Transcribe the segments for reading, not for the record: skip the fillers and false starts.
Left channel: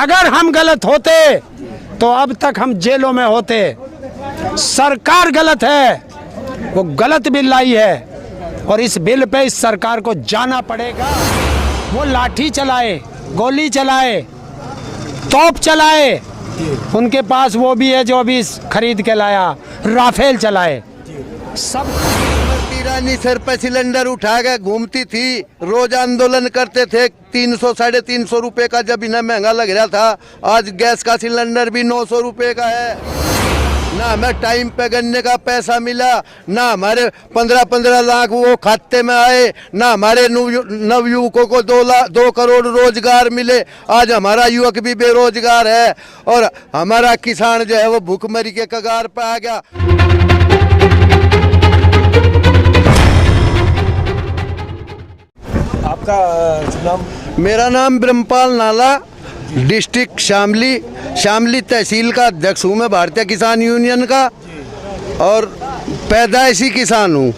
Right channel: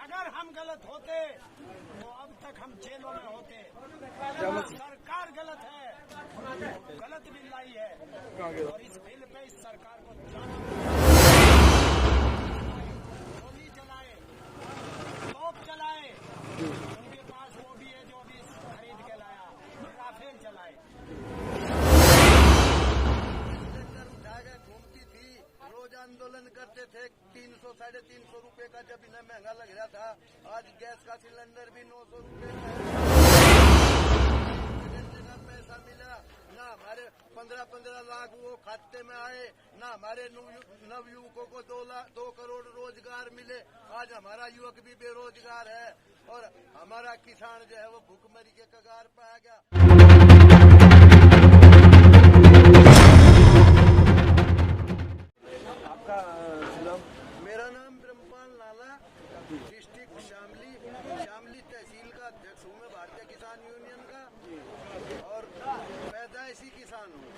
अगर हम गलत होते तो अब तक हम जेलों में होते। सरकार गलत है, वो गलत बिल लाई है और इस बिल पे इस सरकार को जाना पड़ेगा। वो लाठी चलाए, गोली चलाए, तोप चलाए, उनके पास वो भी है जो अभी खरीद के लाया, राफेल चलाए। सब रानी सर पे सिलेंडर उठा के घूमती थी, रोज आंदोलन करते थे। 300 साढ़े 300 रुपए का जब इन्हें महंगा लग रहा था, आज गैस का सिलेंडर भी 900 रुपए का है। ना हमें टाइम पे गन्ने का पैसा मिला, ना हमारे 15-15 लाख वो खाते में आए, ना हमारे नवयुवकों को 2 करोड़ रोजगार मिले। आज हमारा युवक भी बेरोजगार है और हमारा किसान जो है वो भूखमरी के कगार पे आ गया। आपका नाम? मेरा नाम ब्रह्मपाल नाला, डिस्ट्रिक्ट शामली तहसील का अध्यक्ष हूँ मैं भारतीय किसान यूनियन का और पैदाइशी किसान हूँ।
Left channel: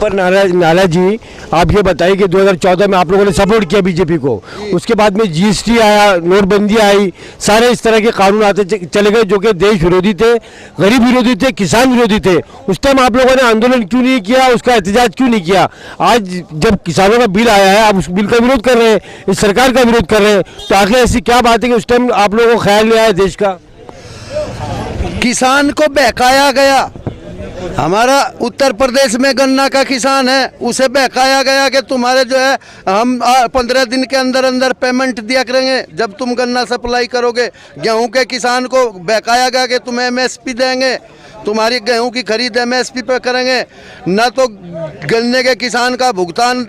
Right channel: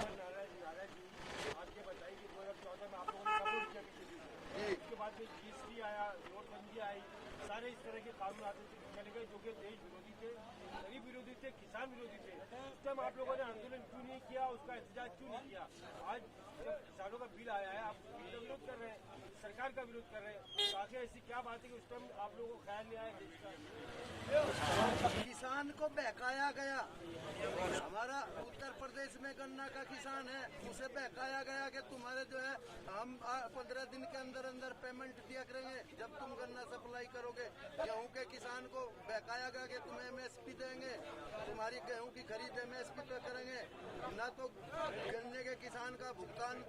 पर नाला जी, आप ये बताइए कि 2014 में आप लोगों ने सपोर्ट किया बीजेपी को, उसके बाद में जीएसटी आया, नोटबंदी आई, सारे इस तरह के कानून आते चले गए जो कि देश विरोधी थे, गरीब विरोधी थे, किसान विरोधी थे। उस टाइम आप लोगों ने आंदोलन क्यों नहीं किया, उसका एहतजाज क्यों नहीं किया? आज जब किसानों का बिल आया है, आप उस बिल का विरोध कर रहे हैं, इस सरकार का विरोध कर रहे हैं, तो आखिर ऐसी क्या बात है कि उस टाइम आप लोगों को ख्याल नहीं आया देश का? किसान को बहकाया गया। हमारा उत्तर प्रदेश में गन्ना का किसान है, उसे बहकाया गया कि तुम्हारे जो है हम 15 दिन के अंदर अंदर पेमेंट दिया करेंगे जब तुम गन्ना सप्लाई करोगे। गेहूं के किसान को बहकाया गया कि तुम्हें एमएसपी देंगे, तुम्हारी गेहूं की खरीद एमएसपी पे करेंगे। न तो गन्ने के किसान का भुगतान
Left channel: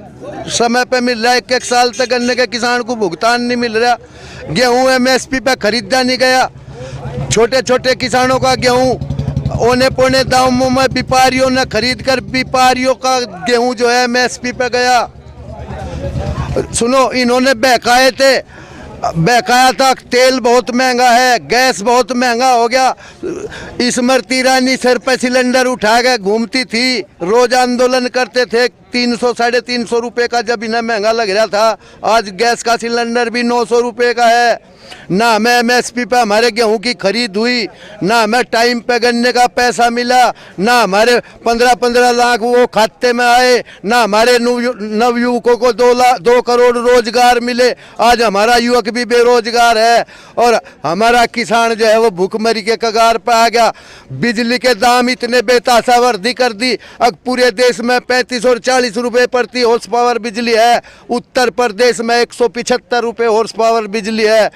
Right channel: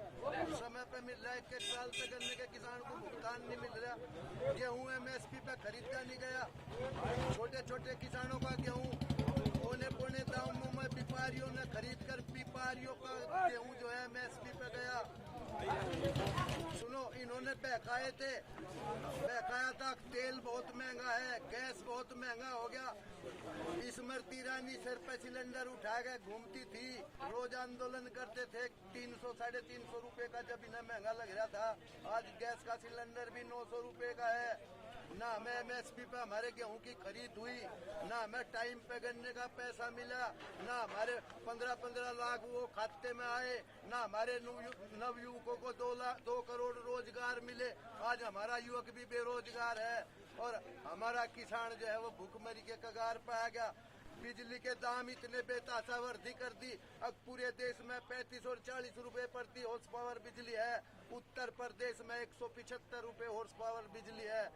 समय पे मिल रहा है, 1-1 साल तक गन्ने के किसान को भुगतान नहीं मिल रहा। गेहूँ एमएसपी पे खरीदा नहीं गया। छोटे छोटे किसानों का गेहूँ औने पौने दामों में व्यापारियों ने खरीद कर व्यापारियों का गेहूं जो है एमएसपी पे गया। सुनो, इन्होंने बहकाया था तेल बहुत महंगा है, गैस बहुत महंगा हो गया। स्मृति ईरानी सर पे सिलेंडर उठा के घूमती थी, रोज आंदोलन करते थे। 300 साढ़े 300 रुपए का जब इन्हें महंगा लग रहा था, आज गैस का सिलेंडर भी 900 रुपए का है। ना हमें एमएसपी पे हमारे गेहूं की खरीद हुई, ना हमें टाइम पे गन्ने का पैसा मिला, ना हमारे 15-15 लाख वो खाते में आए, ना हमारे नवयुवकों को 2 करोड़ रोजगार मिले। आज हमारा युवक भी बेरोजगार है और हमारा किसान जो है वो भूखमरी के कगार पे आ गया। बिजली के दाम इतने बेतहाशा वृद्धि कर दी। अब पूरे देश में 35 और 40 रुपए प्रति हॉर्स पावर बिजली है, उत्तर प्रदेश में 175 रुपए हॉर्स पावर बिजली है।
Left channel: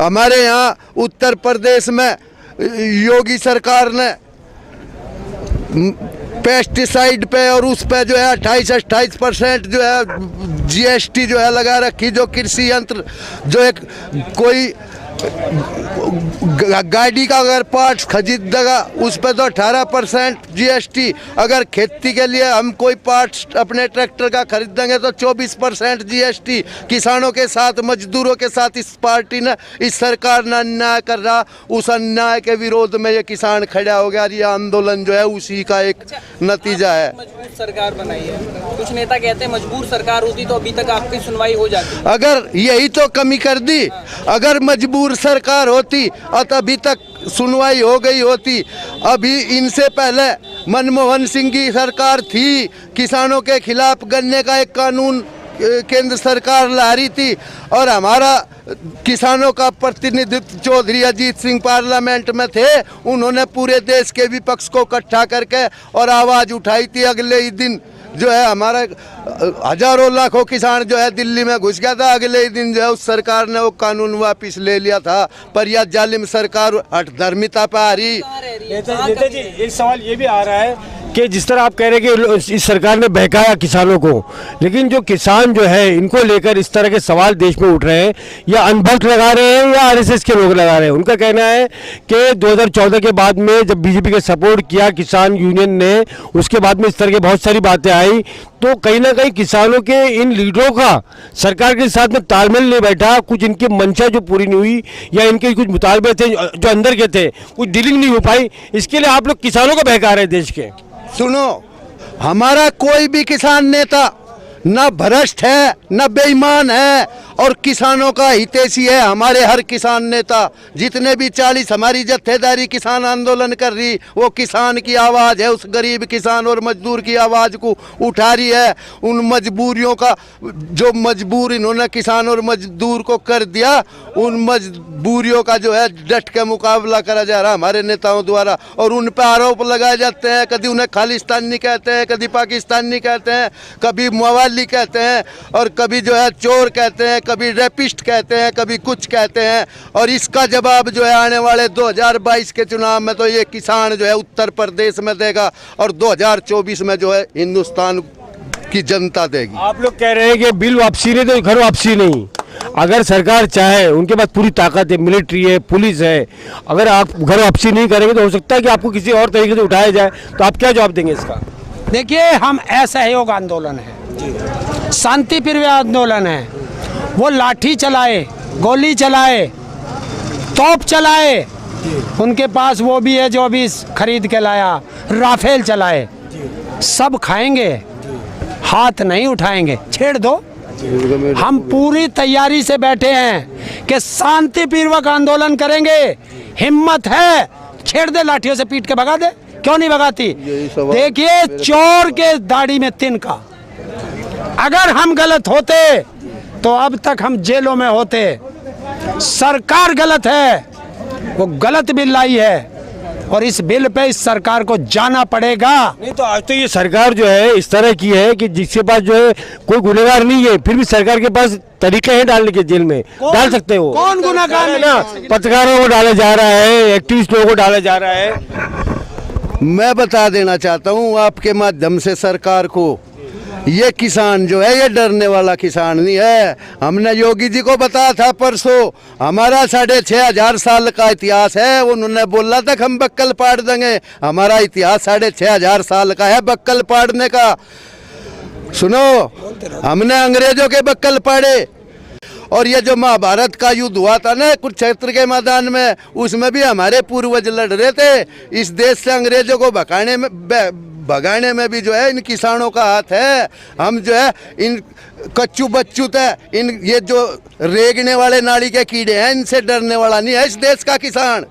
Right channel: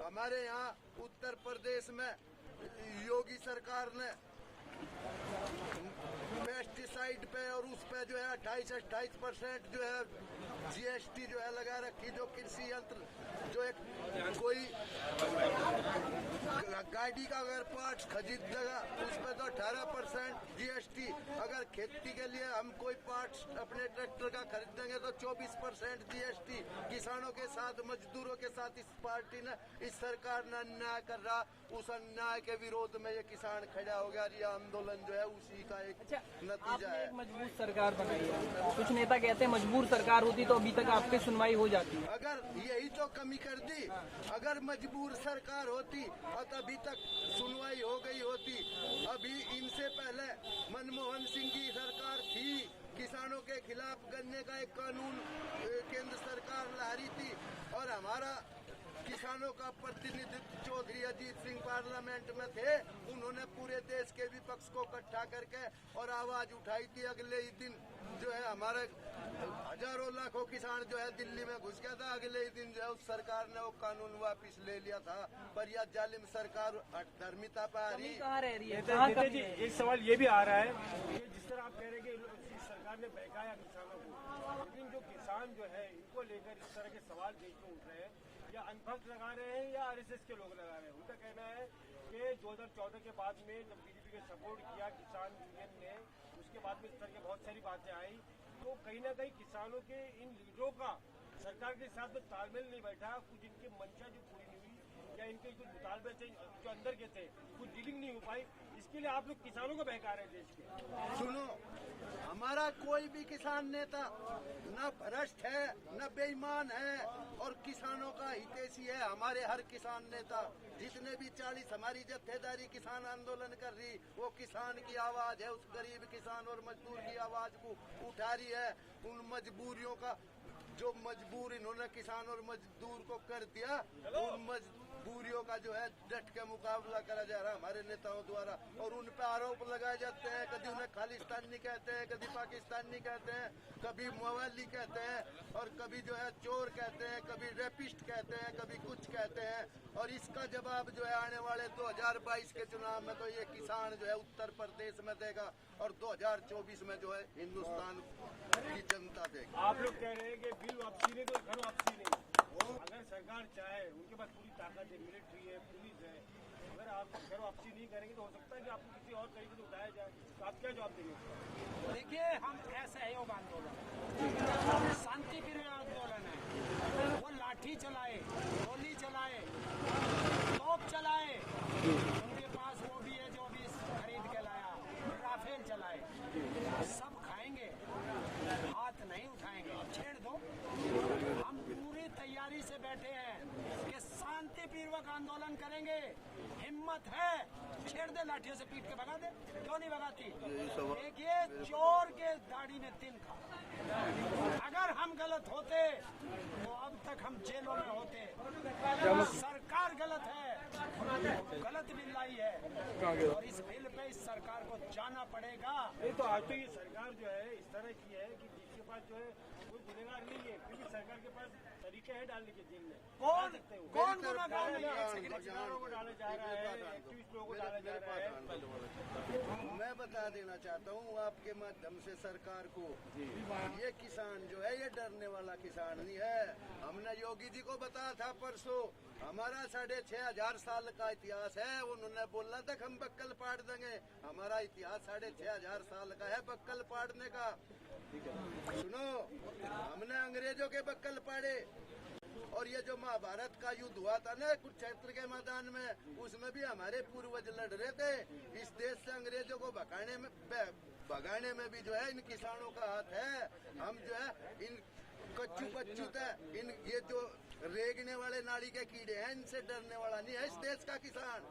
हमारे यहाँ उत्तर प्रदेश में योगी सरकार ने पेस्टिसाइड पे और उस पे जो है 28% जो है जीएसटी जो है लगा रखी। जो कृषि यंत्र जो एक कोई गाड़ी का अगर पार्ट्स खरीदेगा उस पर तो 18% जीएसटी। अगर खेती के लिए हम कोई पार्ट्स अपने ट्रैक्टर का खरीदेंगे तो 24% जीएसटी। किसानों के साथ, मजदूरों के साथ इस पार्टी ने, इस सरकार ने अन्याय कर रहा। उस अन्याय के विरोध में ये किसान खड़ा हो गया। ये आंदोलन जो है उसी का एक नतीजा है। मजबूर सरकार बनाई है, कुछ नेता कहते हैं मजबूर सरकार होती तो अभी तक आपकी सुनवाई हो जाती। अगर यही तो कमी कर दी, अगर मजबूर सरकार होती और अभी तक सुनवाई हो गई होती। अभी इनसे पहले मनमोहन सिंह की सरकार थी, किसानों के खिलाफ गन्ने का एक कानून केंद्र सरकार ला रही थी और हमारा किसानों का प्रतिनिधित्व चौधरी अजीत सिंह पार्लियामेंट में थे। उन्होंने पूरे देश के विपक्ष को इकट्ठा करके और आवाज उठाई थी। अगले ही दिन जो है हमारा हजारों लाखों किसान जो है दिल्ली में घुस गया था। अगले ही दिन जो है उस सरकार ने वो कानून वापस ले लिया था। पर यह जालिम सरकार हठधर्मिता पे आ रही। नेता जी, एक सवाल ये भी आ रहा है कि जिस तरह आप कह रहे हैं कि इस सरकार ने बहकाया किसानों को, लेकिन जो किसान जो है इनको लेकर इस तरह के सवाल देश में उठ रहे हैं, या अनभक्त लगा रहे हैं या आरएसएस के लोग लगा रहे हैं। उनका कहना है कि 2014 के बाद में जब बीजेपी का सपोर्ट किया किसान यूनियन ने, उसके बाद में इस तरह की बहुत सारी बातें आई, तो कहीं ना कहीं किसानों के इन लीडरों का सरकार के साथ में तालमेल नहीं बैठा, कुछ इनकी मंशा जो पूरी नहीं हुई या इनके कुछ मुतालबे थे जो अंदर के थे, कुछ डीलिंग नहीं हो पाई। इसके लिए आप लोग किसानों को बहका रहे हैं देश के। सुनो, हमारा कोई भी किसान नेता ना भ्रष्ट है ना बेईमान है और किसानों का हितैषी है। हमारे हर किसान नेता जितने भी 40 हमारी जत्थेदारी किसान आंदोलन कर रही, वो किसान की आवाज़ है, उस गरीब किसान और मजदूर की आवाज़ को उठा रही है। उन मजबूरियों का जो मजबूर इन्होंने किसान और मजदूर को कर दिया, उन मजबूरियों का जो है डट के मुकाबला करा जा रहा हमारे नेताओं द्वारा। और उन पर आरोप लगाए जाते हैं, कभी उन्हें खालिस्तानी कहते हैं, कभी पाकिस्तानी कहते हैं, कभी मवाली कहते हैं और कभी जो है चोर कहते हैं, कभी रेपिस्ट कहते हैं, कभी कुछ कहते हैं। और इसका जवाब जो है आने वाले 2022 के चुनाव में तो ये किसान जो है उत्तर प्रदेश में देगा और 2024 में जो है हिंदुस्तान की जनता देगी। आप लोग कह रहे हैं कि बिल वापसी नहीं तो घर वापसी नहीं। अगर सरकार चाहे, उनके पास पूरी ताकत है, मिलिट्री है, पुलिस है, अगर आप घर वापसी नहीं करेंगे तो हो सकता है कि आपको किसी और तरीके से उठाया जाए, तो आप क्या जवाब देंगे इसका? देखिए, हम असहयोग आंदोलन है, शांति प्रिय आंदोलन है। वो लाठी चलाए, गोली चलाए, तोप चलाए, उनके पास वो भी है जो अभी खरीद के लाया, राफेल चलाए, सब खाएंगे, हाथ नहीं उठाएंगे। छेड़ दो, हम पूरी तैयारी से बैठे हैं कि शांतिपूर्वक आंदोलन करेंगे। हिम्मत है, छेड़ दे, लाठियों से पीट के भगा दे, क्यों नहीं भगाती? देखिए, चोर के दाढ़ी में तिनका। अगर हम गलत होते तो अब तक हम जेलों में होते। सरकार गलत है, वो गलत बिल लाई है और इस बिल पे इस सरकार को जाना पड़ेगा। नहीं तो आज तो ये सरकार जो है इस तरह की है कि जिसके पास जो है कोई गुनहगार नहीं है, फिर भी सरकार के पास तरीके हैं डालने के, जेल में डाल सकते हो। कौन गुनहगार है ना? पत्रकारों को डाला जा रहा है, एक्टिविस्टों को डाला जा रहा है। मैं बता देना चाहता हूँ आपके माध्यम से सरकार को, ये किसान जो है ये डरने वाला किसान नहीं है। हमने योगी जी को बताया था परसों, हमारा 6500 साल का इतिहास है। उन्होंने बोला था कि हम बक्कल पाड़ देंगे। हमारा इतिहास 6500 साल का है बक्कल पाड़ने का। सुनो, हमने अंग्रेजों के बक्कल पाड़े और ये जो महाभारत का युद्ध हुआ था ना कुरुक्षेत्र के मैदान में, उसमें भी हमारे पूर्वज लड़ रहे थे। इस देश से अंग्रेजों को भगाने में भी जो है इन किसानों का हाथ है। हम जो है इन कच्चू बच्चू थे, इन ये जो रेगने वाले नाली के कीड़े हैं, इनसे डरने वाला नहीं है इस देश का किसान।